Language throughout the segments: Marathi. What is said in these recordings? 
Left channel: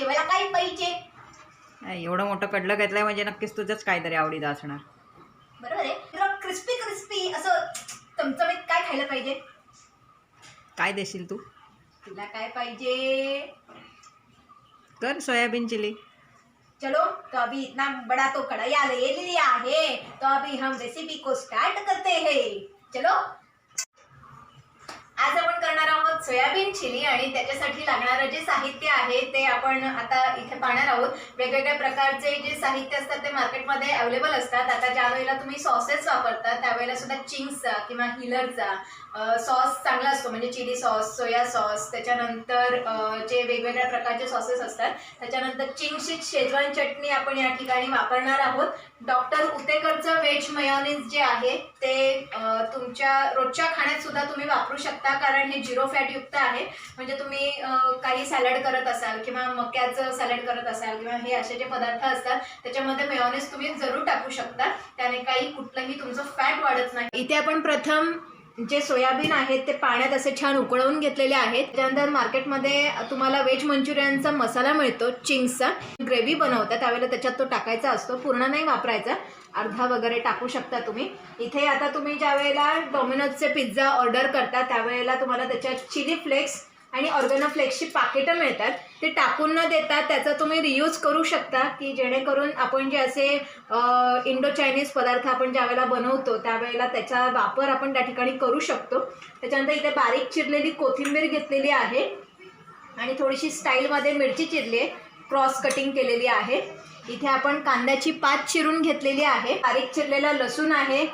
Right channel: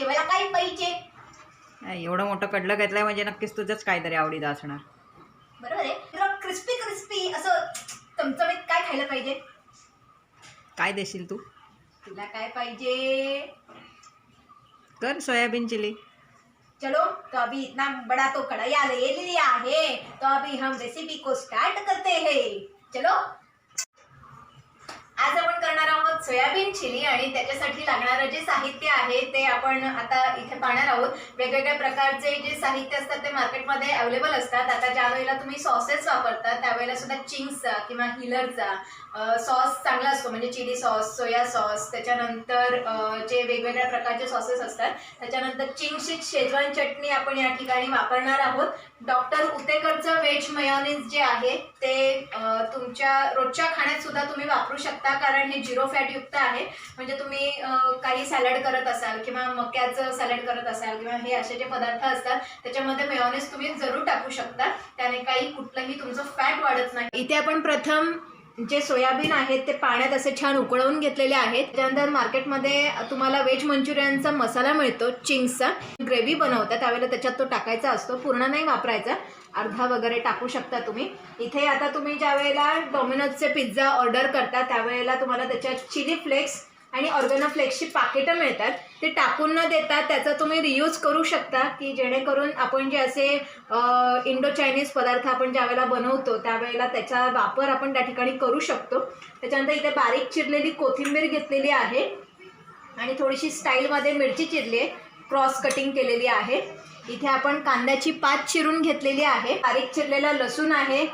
जेवायला काय पाहिजे? एवढं मोठं कडलं घेतलंय म्हणजे नक्कीच तुझंच काहीतरी आवडीचं असणार. बरोबर आहे. तुला क्रिस्पी क्रिस्पी असं चमचमीत काय खायला पाहिजे? काय देशील तू? तुला काय पाहिजे? तर सोयाबीन चिली. चलो तो अभी इतना बड़ा तो कढ़ाई ले लिया है, तो अभी हम रेसिपी को स्टार्ट करते हैं. चलो. आज आपण करणार आहोत सोयाबीन चिली आणि त्याच्यासाठी लागणारं जे साहित्य आहे ते आपण आता इथे पाहणार आहोत. वेगवेगळ्या प्रकारचे जे साहित्य असतात ते मार्केटमध्ये अवेलेबल असतात. आता ज्या वेळेला तुम्ही सॉसेस वापरता त्यावेळेला सुद्धा चिंग्सचा किंवा हिलरचा सॉस चांगला असतो, म्हणजे चिली सॉस, सोया सॉस, त्याच्यानंतर जे वेगवेगळ्या प्रकारचे सॉसेस असतात, त्याच्यानंतर चिंग्सची शेजवान चटणी आपण या ठिकाणी वापरणार आहोत. डॉक्टर उतेकरचं व्हेज मेयोनीज जे आहे ते तुमच्या रोजच्या खाण्यात सुद्धा तुम्ही वापरू शकता, कारण हे 0 फॅट युक्त आहे. म्हणजे तुम्ही काही सॅलड करत असाल किंवा मक्याचं सॅलड करत असाल किंवा हे असे जे पदार्थ असतात त्याच्यामध्ये मेयोनीज तुम्ही जरूर टाकू शकता. त्याने काही कुठलंही तुमचं फॅट वाढत नाही. इथे आपण प्रथम जे सोयाबीन आहेत ते पाण्यात असे छान उकळवून घेतलेले आहेत. त्यानंतर मार्केटमध्ये तुम्हाला व्हेज मंचुरियनचा मसाला मिळतो, चिंग्सचा. ग्रेव्ही बनवता त्यावेळेला त्याच्यात तो टाकायचा असतो, पूर्ण नाही वापरायचा, अर्धा वगैरे टाकू शकता तुम्ही. इथे आता तुम्ही ज्या वेळेला डॉमिनोजचे पिझ्झा ऑर्डर करता त्यावेळेला तुम्हाला त्याच्यात चिली फ्लेक्स आणि ऑर्गेनो फ्लेक्सची पाकिटं मिळतात. ते टाकून न देता त्याचा तुम्ही रियूज करू शकता, की जेणेकरून आपण जे असे इंडो चायनीज पदार्थ आपण ज्या वेळेला बनवतो त्यावेळेला त्याचा वापर आपण त्या ठिकाणी करू शकतो. त्याच्यानंतर इथं बारीक चिरलेली कोथिंबीर घेतलेली आहे आणि थोडीशी स्टाईलमध्ये मिरची चिरली आहे, क्रॉस कटिंग केलेली आहे. इथे आपण कांद्याची पात चिरून घेतलेली आहे, बारीक चिरलेला लसूण आहे,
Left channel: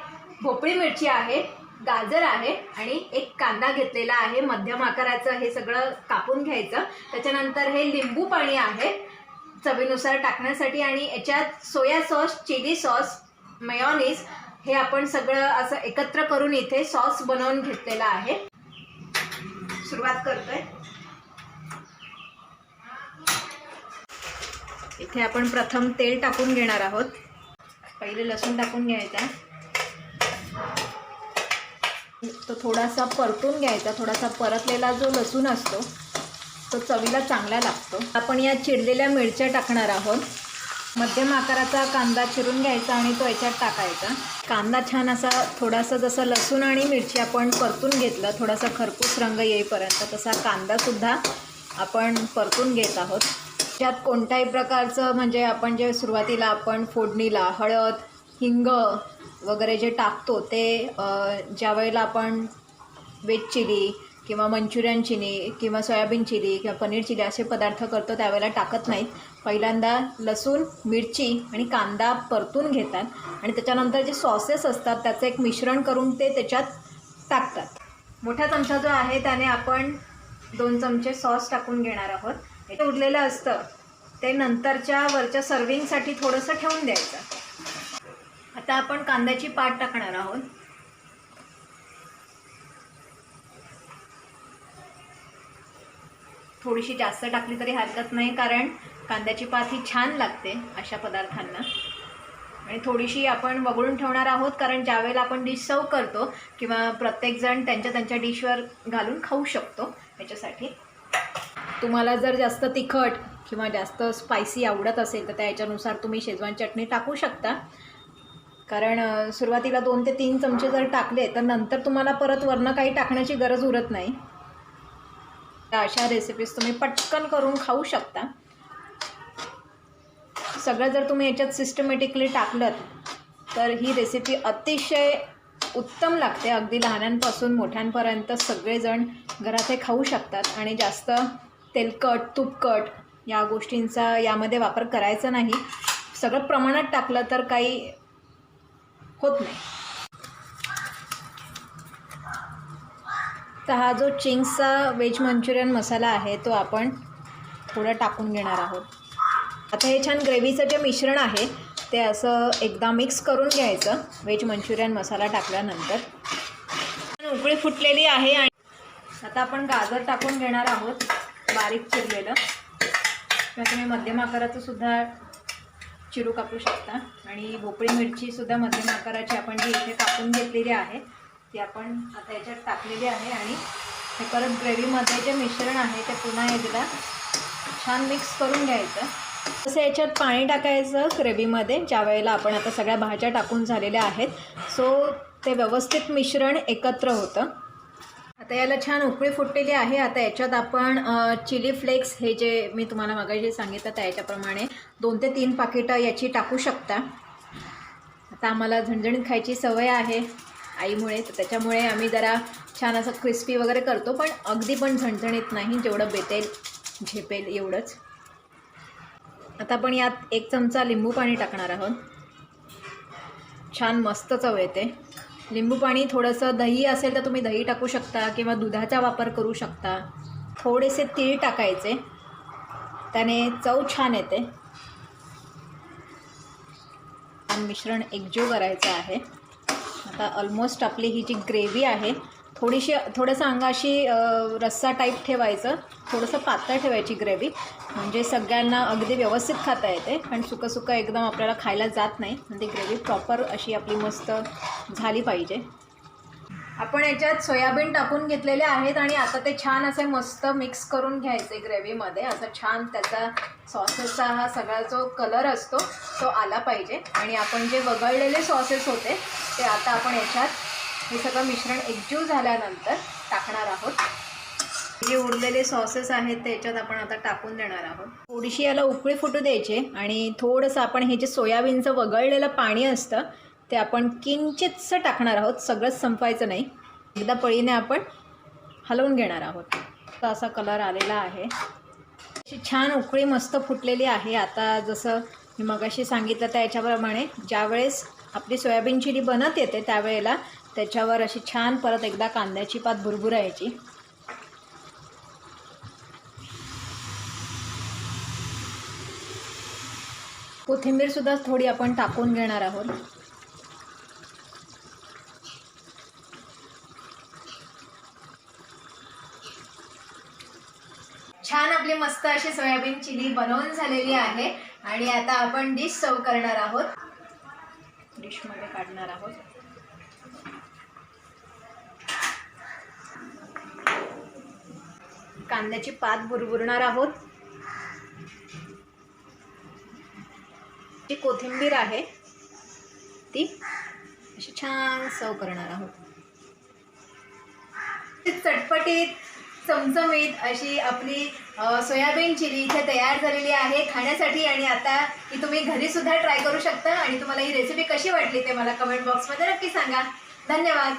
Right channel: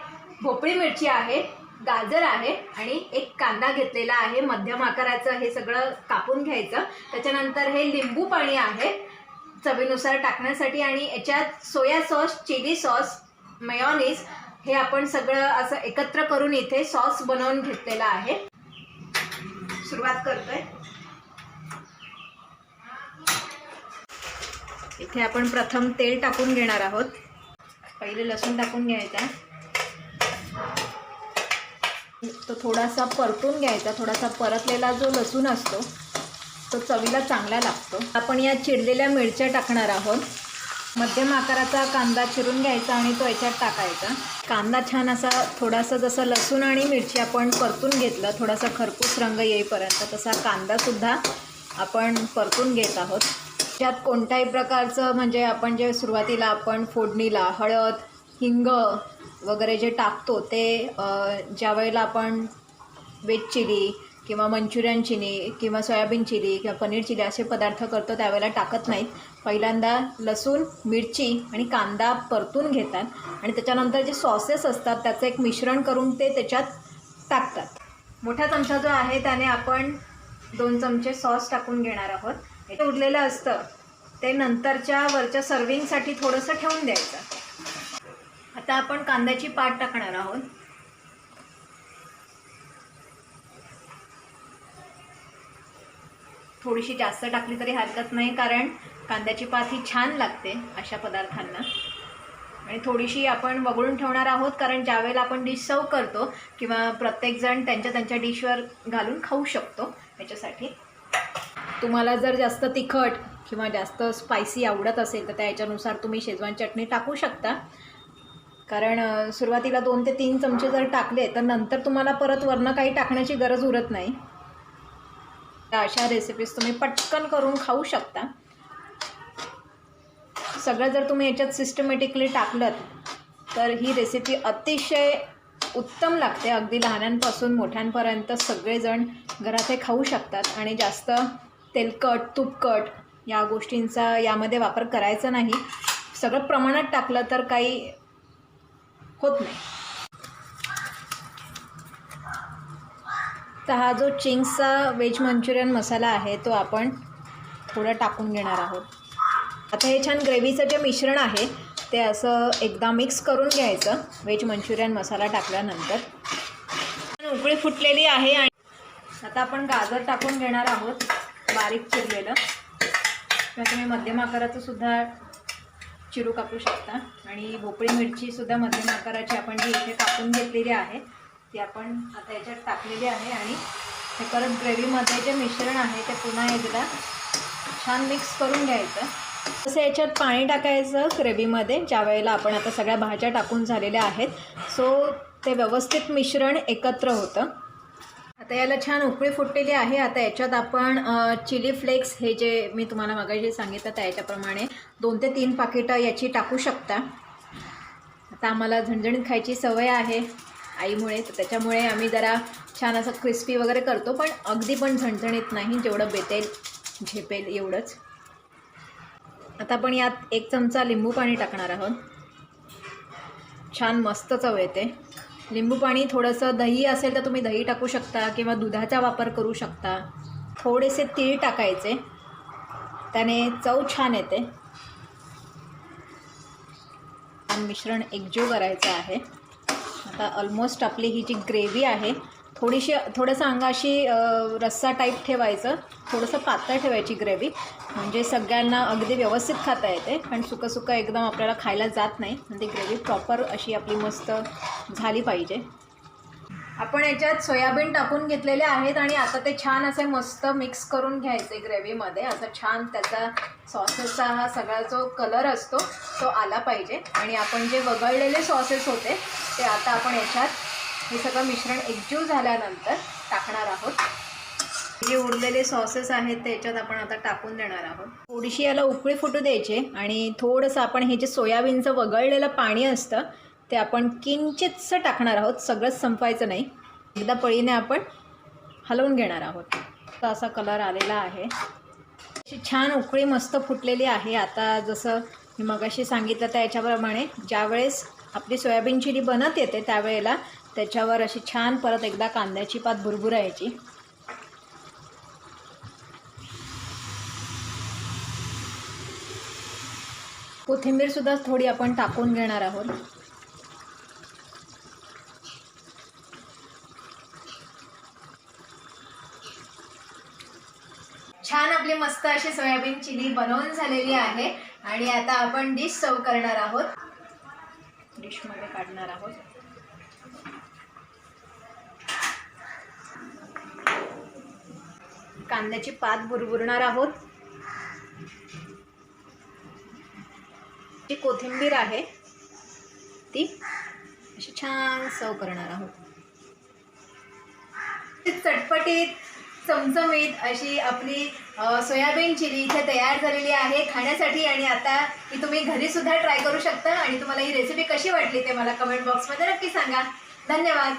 भोपळी मिरची आहे, गाजर आहे आणि एक कांदा घेतलेला आहे मध्यम आकाराचं. हे सगळं कापून घ्यायचं. त्याच्यानंतर हे लिंबू पाणी आहे चवीनुसार टाकण्यासाठी आणि याच्यात soya sauce, chilli sauce, mayonnaise हे आपण सगळं असं एकत्र करून इथे सॉस बनवून घेतलेला आहे. सुरुवात करते. इथे आपण प्रथम तेल टाकून घेणार आहोत. पहिले लसूण टाकून घ्यायचा, तो थोडासा परतून घ्यायचा. थोडासा परतलेला जो लसूण असतो तो चवीला चांगला लागतो. आपण या चिरलेल्या मिरच्या टाकणार आहोत. मध्यम आकाराचा कांदा चिरून घ्यायचा आणि तो याच्यात टाकायचा. कांदा छान असा थोडासा जसं लसूण आणि मिरची आपण परतून घेतलं, थोडासा खरपूस रंग येईपर्यंत, तसा कांदासुद्धा आपण परतून घेत आहोत. त्यात कोणत्याही प्रकारचं म्हणजे आपण जे सुरुवातीला आपण फोडणीला हळद, हिंग वगैरे जे टाकतो ते ज्या वेळेला आपण व्हेज चिली किंवा मंचुरियन चिली किंवा सोयाबीन चिली किंवा पनीर चिली असे पदार्थ करतो त्यावेळेला टाकत नाही. पहिल्यांदा लसूण, मिरची आणि कांदा परतून घेतात आणि त्याच्यानंतर जे सॉसेस असतात त्याचं एक मिश्रण करून ते त्याच्यात टाकतात. मोठा चमचा जो आहे त्याने आपण 2 चमचे सॉस टाकून घेणार आहोत. ते उरलेलं असतं ते नंतरच्या वरच्या सर्विंगसाठी थोडंसं ठेवून द्यायचं. आता आपण कांद्याची पात टाकणार आहोत. थोडीशी जास्त टाकली तरी हरकत नाही, कारण कांद्याची पात ही छान लागते अशा पदार्थांना. आणि थोडीशी आपण वगळून ठेवणार आहोत, कारण ज्यावेळेला आपण डिश सर्व करतो किंवा प्रत्येकजण त्यांच्या डिशवर घालून खाऊ शकतो. याच्यासाठी तुम्हाला जर जास्त तिखट किंवा जास्त स्पायसी आवडत असेल तर त्याच्यानुसार तुम्ही शेजवान चटणी टाकू शकता. कारण सुरुवातीला 2 ते 3 चमचे जर टाकले तर नंतर तुम्हाला परत वरनं काही टाकण्याची गरज उरत नाही. अशा रेसिपीज तुम्ही पटकन करून खाऊ शकता. सगळं जर तुम्ही याच्यात सिस्टमॅटिकली टाकलं तर ही रेसिपी अतिशय उत्तम लागते. अगदी लहानांपासून मोठ्यांपर्यंत सगळेजण घरात हे खाऊ शकतात. आणि जास्त तेलकट, तुपकट या गोष्टींचा यामध्ये वापर करायचा नाही. सगळं प्रमाणात टाकलं तर काही होत नाही. तर हा जो चिंग्सचा व्हेज मंचुरियन मसाला आहे तो आपण थोडं टाकून घेणार आहोत. आता हे छान ग्रेव्हीचं जे मिश्रण आहे ते असं एकदा मिक्स करून घ्यायचं. व्हेज मंचुरियन मसाला टाकल्यानंतर उकळी फुटलेली आहे आणि आता आपण गाजर टाकून घेणार आहोत बारीक चिरलेलं. तुम्ही मध्यम आकाराचं सुद्धा चिरू कापू शकता. आणि भोपळी मिरचीसुद्धा मध्यम आकाराची आपण जी इथे कापून घेतलेली आहे ती आपण आता याच्यात टाकलेली आहे. आणि परत ग्रेव्हीमध्ये जे मिश्रण आहे ते पुन्हा एकदा छान मिक्स करून घ्यायचं. तसं याच्यात पाणी टाकायचं ग्रेव्हीमध्ये ज्या वेळेला आपण आता सगळ्या भाज्या टाकून झालेल्या आहेत. सो ते व्यवस्थित मिश्रण एकत्र होतं. आता याला छान उकळी फुटलेली आहे. आता याच्यात आपण चिली फ्लेक्स हे जे मी तुम्हाला मगाशी सांगितलं त्याच्याप्रमाणे 2 ते 3 पाकिटं याची टाकू शकता. आता आम्हाला झणझणीत खायची सवय आहे आईमुळे, तर त्याच्यामुळे आम्ही जरा छान असं क्रिस्पी वगैरे करतो, पण अगदी पण झणझणीत नाही, जेवढं बेतेल झेपेल एवढंच. आता आपण यात 1 चमचा लिंबू पाणी टाकणार आहोत. छान मस्त चव येते. लिंबू पाणी, थोडंसं दही असेल तर तुम्ही दही टाकू शकता किंवा दुधाचा वापर करू शकता. थोडेसे तीळ टाकायचे, त्याने चव छान येते. मिश्रण एकजीव करायचं आहे. आता ऑलमोस्ट आपली ही जी ग्रेव्ही आहे थोडंसं अंगाशी रस्सा टाईप ठेवायचं, थोडंसं पातळ ठेवायची ग्रेव्ही, म्हणजे सगळ्यांना अगदी व्यवस्थित खाता येते. आणि सुकं एकदम आपल्याला खायला जात नाही, म्हणजे ग्रेव्ही प्रॉपर अशी आपली मस्त झाली पाहिजे. आपण याच्यात सोयाबीन टाकून घेतलेले आहेत आणि आता ते छान असे मस्त मिक्स करून घ्यायचे ग्रेव्हीमध्ये. असं छान त्याचा सॉसेसचा हा सगळा जो कलर असतो तो आला पाहिजे. आणि आपण जे वगळलेले सॉसेस होते ते आता आपण याच्यात हे सगळं मिश्रण एकजीव झाल्यानंतर टाकणार आहोत. जे उरलेले सॉसेस आहेत ते याच्यात आपण आता टाकून देणार आहोत. थोडीशी याला उकळी फुटू द्यायची आणि थोडंसं आपण हे जे सोयाबीनचं वगळलेलं पाणी असतं ते आपण किंचितसं टाकणार आहोत. सगळंच संपायचं नाही, एकदा पळीने आपण हलवून घेणार आहोत. तर असा कलर आलेला आहे. अशी छान उकळी मस्त फुटलेली आहे. आता जसं मी मगाशी सांगितलं त्याच्याप्रमाणे ज्यावेळेस आपली सोयाबीन चिली बनत येते त्यावेळेला त्याच्यावर अशी छान परत एकदा कांद्याची पात भुरभुरायची. कोथिंबीरसुद्धा थोडी आपण टाकून घेणार आहोत. छान आपली मस्त अशी सोयाबीन चिली बनवून झालेली आहे आणि आता आपण डिश सर्व करणार आहोत. डिशमध्ये काढणार आहोत. कांद्याची पात भुरभुरणार आहोत. जी कोथिंबीर आहे ती अशी छान सर्व करणार आहोत. चटपटीत चमचमीत अशी आपली सोयाबीन चिली इथे तयार झालेली आहे खाण्यासाठी. आणि आता ही तुम्ही घरीसुद्धा ट्राय करू शकता. आणि तुम्हाला ही रेसिपी कशी वाटली ते मला कमेंट बॉक्समध्ये नक्की सांगा. धन्यवाद.